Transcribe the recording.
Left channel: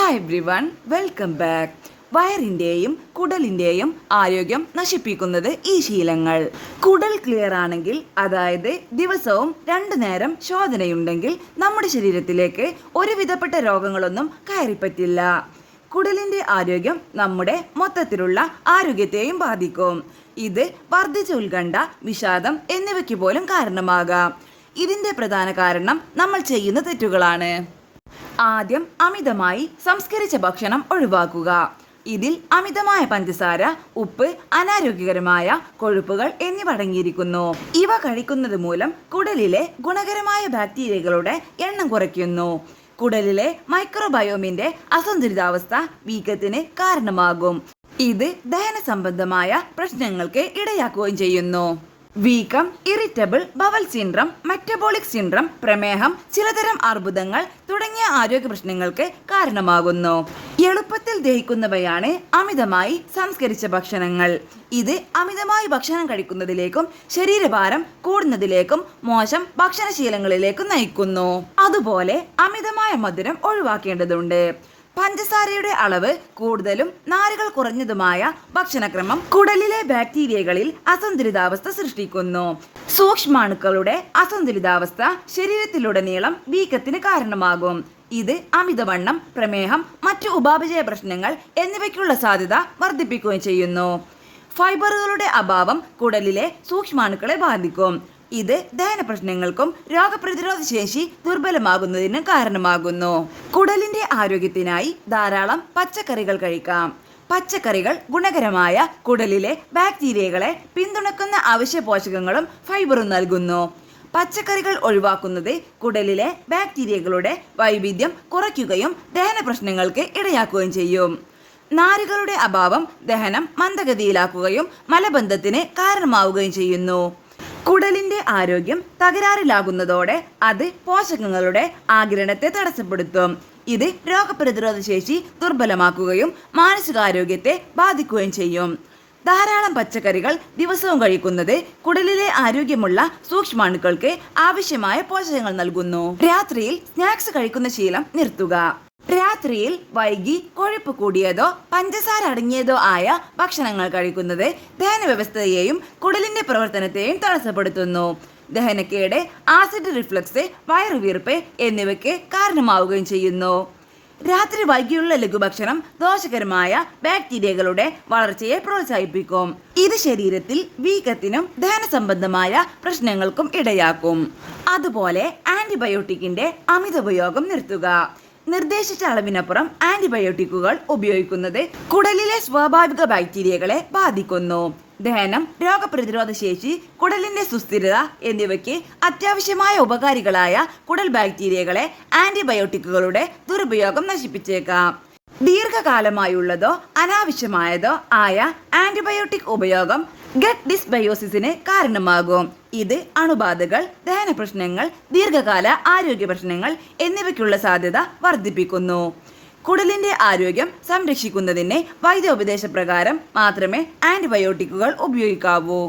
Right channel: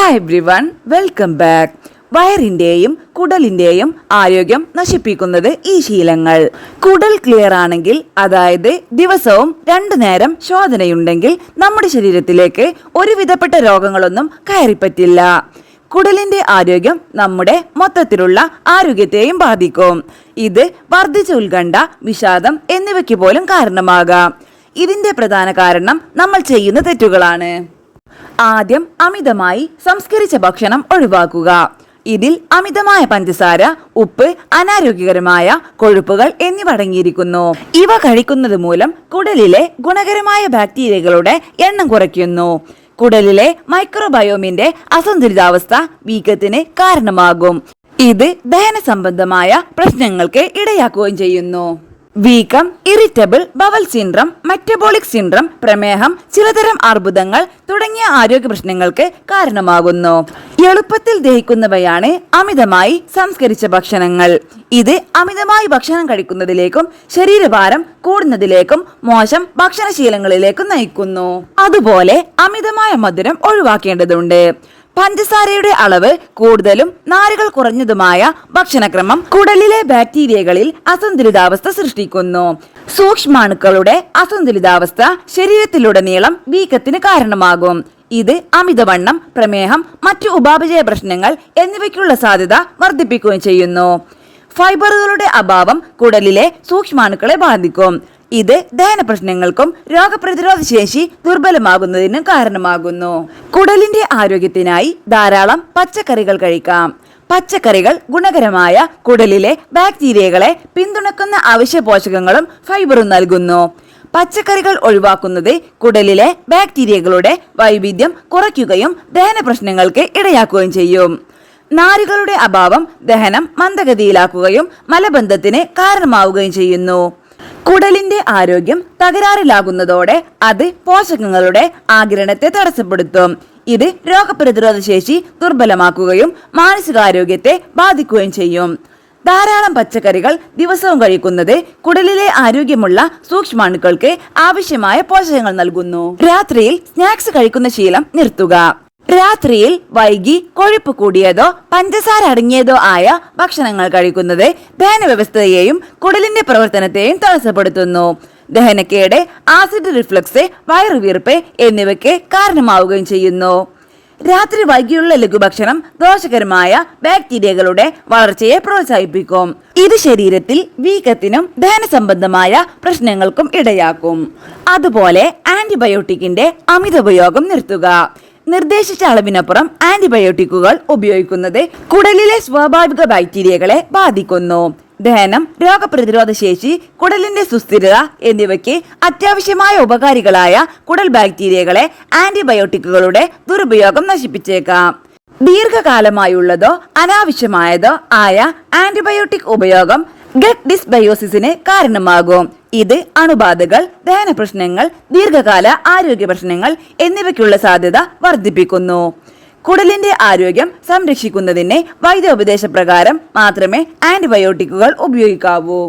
Hi everyone, welcome back. വയറിന്റെയും കുടലിന്റെയും ആരോഗ്യം നശിപ്പിക്കുന്നത് ഈ ശീലങ്ങൾ. കുടൽ ക്ലിയർ ആണെങ്കിൽ, അതായത് ദിവസവും 2 നേരം ശോധനയുണ്ടെങ്കിൽ നമ്മുടെ ശരീരത്തിലേക്ക് ഒരുവിധപ്പെട്ട രോഗങ്ങളൊന്നും കയറിപ്പറ്റില്ല. കുടലിന്റെ ആരോഗ്യം നമ്മുടെ മൊത്തത്തിലുള്ള ആരോഗ്യത്തെയും ബാധിക്കും. ഇത് വർദ്ധിച്ച ഉത്കണ്ഠ, വിഷാദം എന്നിവയ്ക്ക് പോലും കാരണമാകാം. ഇതിന്റെ പ്രധാന കാരണം നമ്മൾ ചെയ്യുന്ന തെറ്റുകളാണ്. ആദ്യം, അമിതമായി സംസ്കരിച്ച ഭക്ഷണം ഒഴിവാക്കുക. ഇതിൽ അമിതമായ പഞ്ചസാര, ഉപ്പ്, അനാരോഗ്യകരമായ കൊഴുപ്പുകൾ എന്നിവ അടങ്ങിയിരിക്കുന്നു. ഇവ കഴിക്കുന്നത് മൂലം കുടലിലെ ഗുണകരമായ ബാക്ടീരിയകളുടെ എണ്ണം കുറയ്ക്കുന്നു. കുടലിലെ മൈക്രോബയോമിന്റെ അസന്തുലിതാവസ്ഥ വീക്കത്തിന് കാരണമാകും. ഇത് ദഹന സംബന്ധമായ പ്രശ്നങ്ങൾക്ക് ഇടയാക്കുകയും ചെയ്യുന്നു. വീക്കം, irritable bowel syndrome, metabolic syndrome, പ്രമേഹം, ചിലതരം അർബുദങ്ങൾ തുടങ്ങിയ ആരോഗ്യ പ്രശ്നങ്ങൾക്ക് കാരണമാകുന്നു. എളുപ്പത്തിൽ ദഹിക്കുന്നവയാണ് അമിതമായി സംസ്കരിച്ച ഭക്ഷണങ്ങൾ. ഇത് അമിതമായി ഭക്ഷണം കഴിക്കുന്നതിലേക്കും ശരീരഭാരം കൂടുന്നതിലേക്കും മോശം ഭക്ഷണശീലങ്ങളിലേക്കും നയിക്കുന്നു. അതുപോലെ അമിതമായ മധുരം ഒഴിവാക്കേണ്ടതുണ്ട്. പഞ്ചസാരയുടെ അളവ് കൂടുതലും നാരുകൾ കുറഞ്ഞതുമായ ഭക്ഷണക്രമം കുടലിലെ ബാക്ടീരിയകളിൽ അസന്തുലിതാവസ്ഥ സൃഷ്ടിക്കുന്നു. സൂക്ഷ്മാണുക്കളുടെ അസന്തുലിതാവസ്ഥ ശരീരത്തിലുടനീളം വീക്കത്തിന് കാരണമാകും. ഇത് അമിതവണ്ണം, പ്രമേഹം, മറ്റു ഉപാപചയ പ്രശ്നങ്ങൾ എന്നിവയ്ക്കുള്ള സാധ്യത വർദ്ധിപ്പിക്കുകയും ചെയ്യുന്നു. ഫൈബറുകളുടെ അഭാവം കുടലിലെ സൂക്ഷ്മാണുക്കളെ ബാധിക്കും. ഇത് ദഹന പ്രശ്നങ്ങൾക്കും രോഗപ്രതിരോധ ശേഷി ദുർബലമാകുന്നതിനും കാരണമാകുന്നു. കുടലിന്റെ ആരോഗ്യത്തിനായി ധാരാളം പച്ചക്കറികൾ കഴിക്കാം. പച്ചക്കറികൾ ഗുണകരമായ കുടലിലെ ബാക്ടീരിയകളെ പിന്തുണക്കുന്ന അവശ്യ പോഷകങ്ങളും ഫൈബറും നൽകുന്നു. പച്ചക്കറികൾ ഒഴിവാക്കുന്നത് കുടലിലെ ബാക്ടീരിയകളുടെ വൈവിധ്യം കുറയ്ക്കുകയും ദഹന പ്രശ്നങ്ങൾക്ക് ഇടയാക്കുകയും ചെയ്യും. നാരുകളുടെ അഭാവം ദഹനം മന്ദഗതിയിലാക്കുകയും മലബന്ധത്തിന് കാരണമാവുകയും ചെയ്യുന്നു. കുടലിന്റെ ആരോഗ്യം തകരാറിലാകുന്നതോടെ അത് പോഷകങ്ങളുടെ ആഗിരണത്തെ തടസ്സപ്പെടുത്തും. ഇത് രോഗപ്രതിരോധ ശേഷി ദുർബലമാക്കുകയും മാനസികാരോഗ്യത്തെ ബാധിക്കുകയും ചെയ്യും. ധാരാളം പച്ചക്കറികൾ ദിവസവും കഴിക്കുന്നത് കുടലിലെ ആരോഗ്യമുള്ള സൂക്ഷ്മാണുക്കൾക്ക് ആവശ്യമായ പോഷകങ്ങൾ നൽകുന്നു. രാത്രിയിൽ സ്നാക്സ് കഴിക്കുന്ന ശീലം നിർത്തുക. രാത്രിയിൽ വൈകി കൊഴുപ്പ് കൂടിയതോ പഞ്ചസാര അടങ്ങിയതോ ആയ ഭക്ഷണങ്ങൾ കഴിക്കുന്നത് ദഹന വ്യവസ്ഥയെയും കുടലിന്റെ പ്രവർത്തനത്തെയും തടസ്സപ്പെടുത്തുന്നു. ദഹനക്കേട്, ആസിഡ് റിഫ്ലക്സ്, വയറുവീർപ്പ് എന്നിവയ്ക്ക് കാരണമാവുകയും ചെയ്യുന്നു. രാത്രി വൈകിയുള്ള ലഘുഭക്ഷണം ദോഷകരമായ ബാക്ടീരിയകളുടെ വളർച്ചയെ പ്രോത്സാഹിപ്പിക്കും. ഇത് ശരീരത്തിൽ വീക്കത്തിനും ദഹന സംബന്ധമായ പ്രശ്നങ്ങൾക്കും ഇടയാക്കും. അതുപോലെ ആന്റിബയോട്ടിക്കിന്റെ അമിത ഉപയോഗം നിർത്തുക. നിർദ്ദേശിച്ച അളവിനപ്പുറം ആന്റിബയോട്ടിക്കുകൾ ഉപയോഗിക്കുന്നത് കുടലിലെ സ്വാഭാവിക ബാക്ടീരിയകളെ ബാധിക്കുന്നു. ദഹനം, രോഗപ്രതിരോധ ശേഷി, കുടലിന്റെ സുസ്ഥിരത എന്നിവയ്ക്ക് അത്യാവശ്യമായ ഉപകാരികളായ കുടൽ ബാക്ടീരിയകളെ ആന്റിബയോട്ടിക്കുകളുടെ ദുരുപയോഗം നശിപ്പിച്ചേക്കാം. ദീർഘകാലമായുള്ളതോ അനാവശ്യമായതോ ആയ ആന്റിബയോട്ടിക് ഉപയോഗം ഗട്ട് ഡിസ്ബയോസിസിന് കാരണമാകും. ഇത് അണുബാധകൾ, ദഹന പ്രശ്നങ്ങൾ, ദീർഘകാല ആരോഗ്യ പ്രശ്നങ്ങൾ എന്നിവയ്ക്കുള്ള സാധ്യത വർദ്ധിപ്പിക്കുന്നു. കുടലിന്റെ ആരോഗ്യം സംരക്ഷിക്കുന്നതിന് വൈദ്യോപദേശപ്രകാരം മാത്രമേ ആന്റിബയോട്ടിക്കുകൾ ഉപയോഗിക്കാവൂ.